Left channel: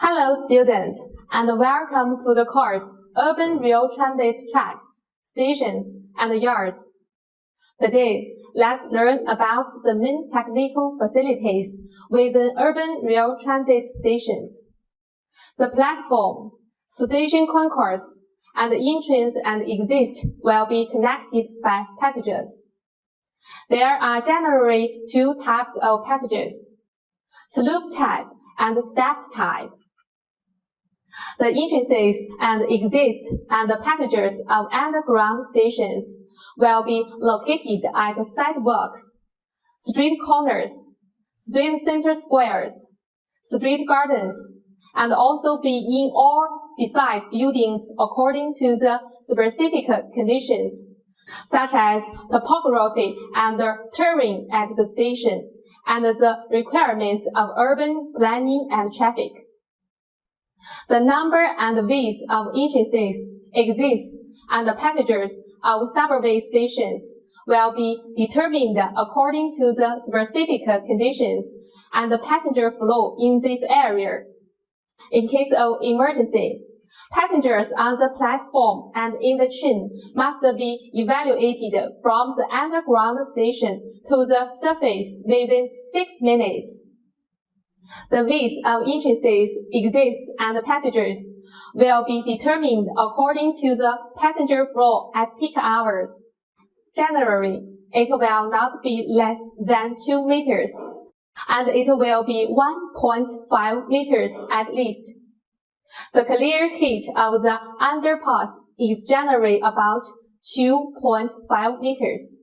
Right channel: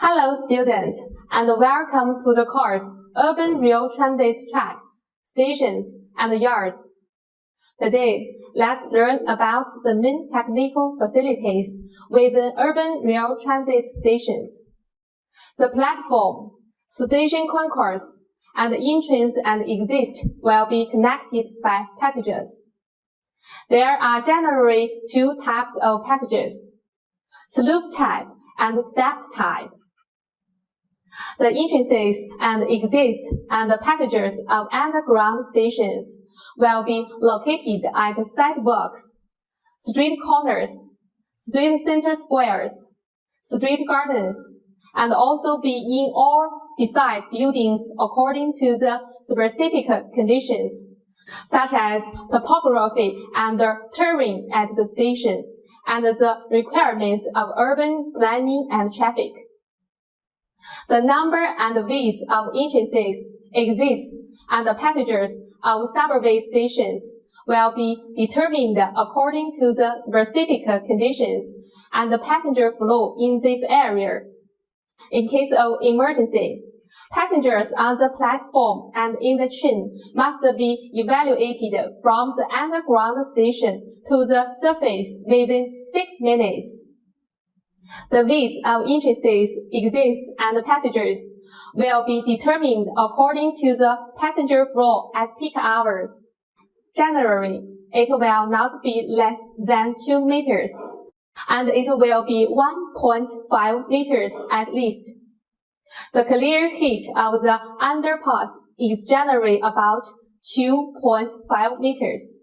Hello students, and welcome to the course Urban Rail Transit Tracks, Stations and Yards. Today, let's learn about the main technical facilities within urban rail transit stations. The platform, station concourse, and entrance and exit will be connected by passages. There are generally two types of passages, sloop type and stepped type. The entrances and exits and the passages of underground stations will be located at sidewalks, street corners, street center squares, street gardens, and also be in or beside buildings according to the specific conditions, such as topography and terrain at the station, and the requirements of urban planning and traffic. The number and width of entrances, exits, and passengers of subway stations will be determined according to the specific conditions and the passenger flow in this area. In case of emergency, passengers on the platform and in the train must be evacuated from the underground station to the surface within 6 minutes. The width of entrances, exits, and passengers will be determined according to the passenger flow at peak hours. Generally, it will not be less than 2 meters, and it will be 1.5 meters at least. The clear height of the underpass is generally about 2.5 meters.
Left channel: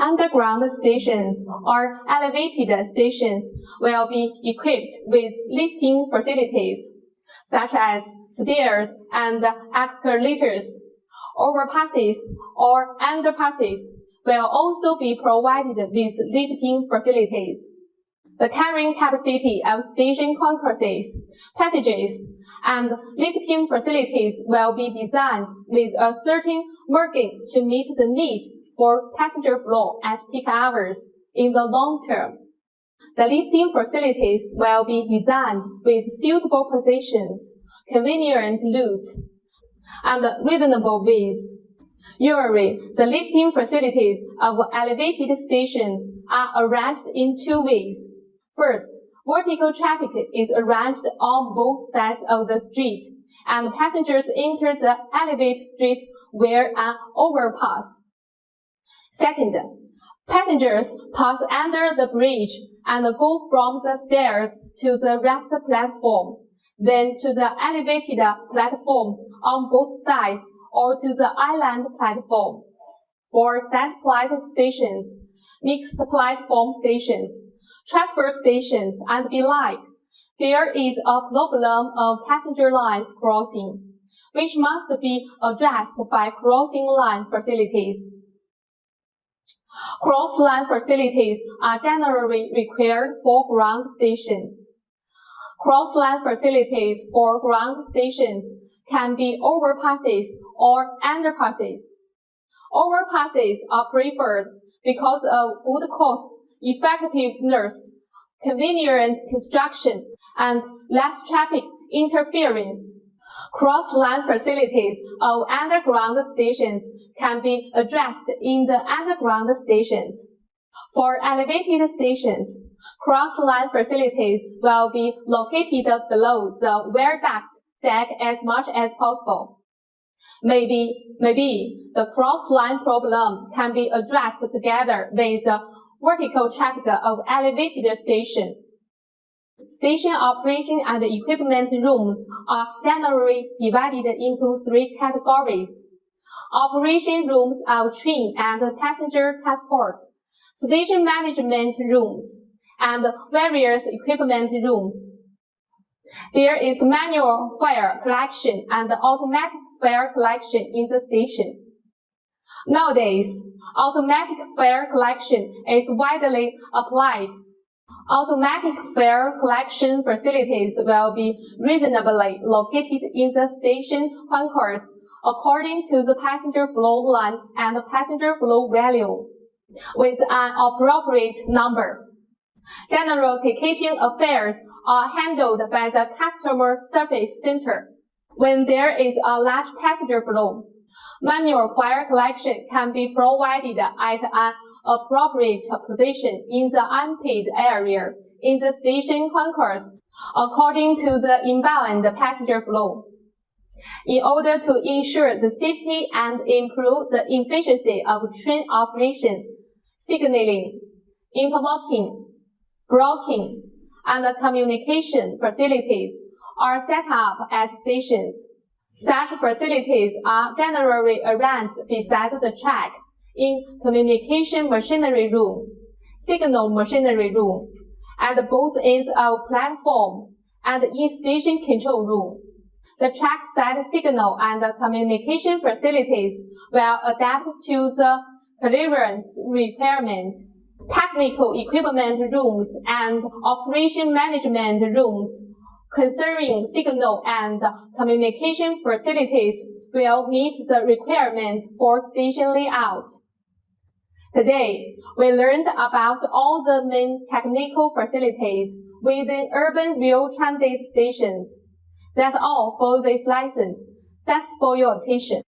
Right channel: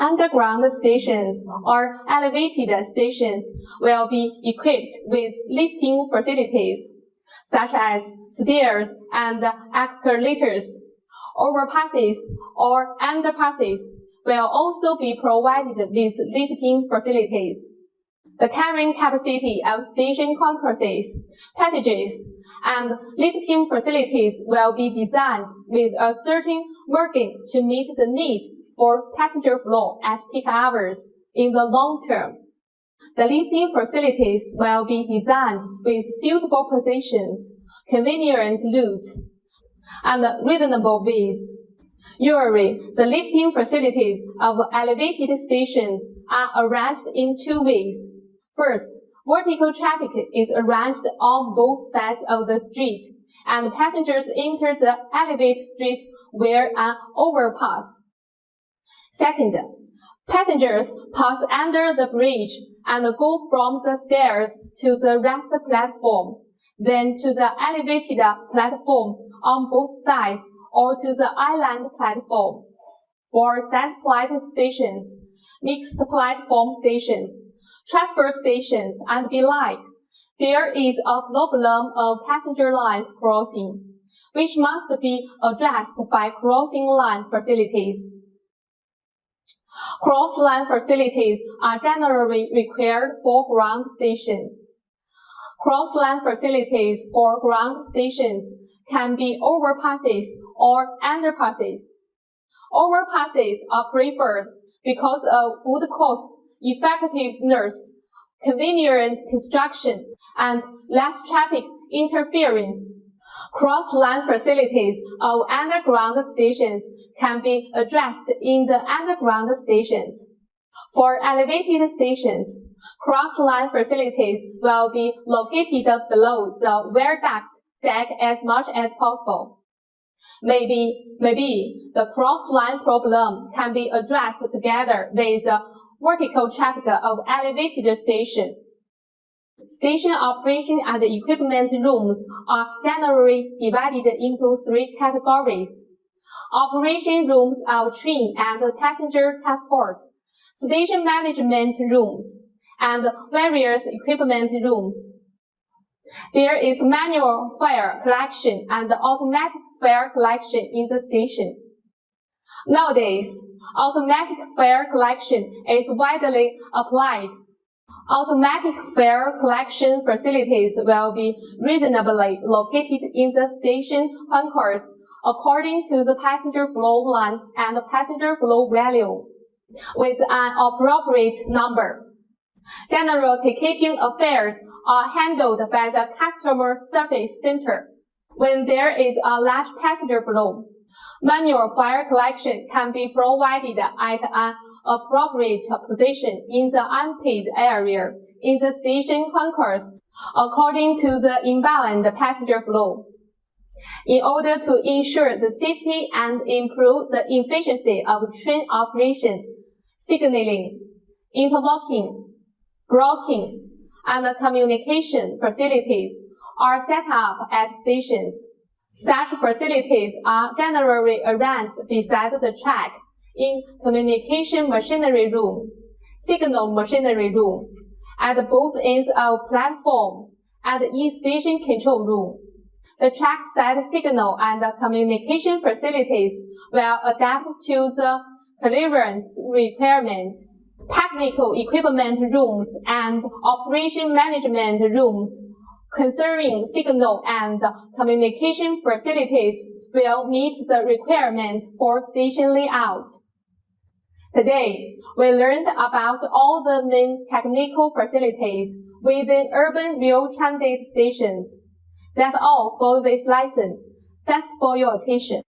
Underground stations or elevated stations will be equipped with lifting facilities, such as stairs and escalators. Overpasses or underpasses will also be provided with lifting facilities. The carrying capacity of station concourses, passages, and lifting facilities will be designed with a certain margin to meet the need for passenger flow at peak hours in the long term. The lifting facilities will be designed with suitable positions, convenient routes, and reasonable width. Usually, the lifting facilities of elevated stations are arranged in 2 ways. First, vertical traffic is arranged on both sides of the street, and passengers enter the elevated street via an overpass. Second, passengers pass under the bridge and go from the stairs to the rest platform, then to the elevated platforms on both sides or to the island platform. For side-platform stations, mixed platform stations, transfer stations, and the like, there is a problem of passenger lines crossing, which must be addressed by crossing line facilities. Cross-line facilities are generally required for ground stations. Cross-line facilities for ground stations can be overpasses or underpasses. Overpasses are preferred because of good cost, effectiveness, convenient construction, and less traffic interference. Cross-line facilities of underground stations can be addressed in the underground stations. For elevated stations, cross-line facilities will be located below the viaduct deck as much as possible. Maybe the cross-line problem can be addressed together with the vertical traffic of elevated station. Station operation and equipment rooms are generally divided into 3 categories: operation rooms of train and passenger transport, station management rooms, and various equipment rooms. There is manual fare collection and automatic fare collection in the station. Nowadays, automatic fare collection is widely applied. Automatic fare collection facilities will be reasonably located in the station concourse according to the passenger flow line and passenger flow value, with an appropriate number. General ticketing affairs are handled by the customer service center. When there is a large passenger flow, manual fire collection can be provided at an appropriate position in the unpaid area in the station concourse according to the inbound passenger flow. In order to ensure the safety and improve the efficiency of train operation, signaling, interlocking, blocking, and communication facilities are set up at stations. Such facilities are generally arranged beside the track in communication machinery room, signal machinery room, at both ends of platform, and in station control room. The trackside signal and communication facilities will adapt to the clearance requirement. Technical equipment rooms and operation management rooms concerning signal and communication facilities will meet the requirements for station layout. Today, we learned about all the main technical facilities within urban rail transit stations. That's all for this lesson. Thanks for your attention.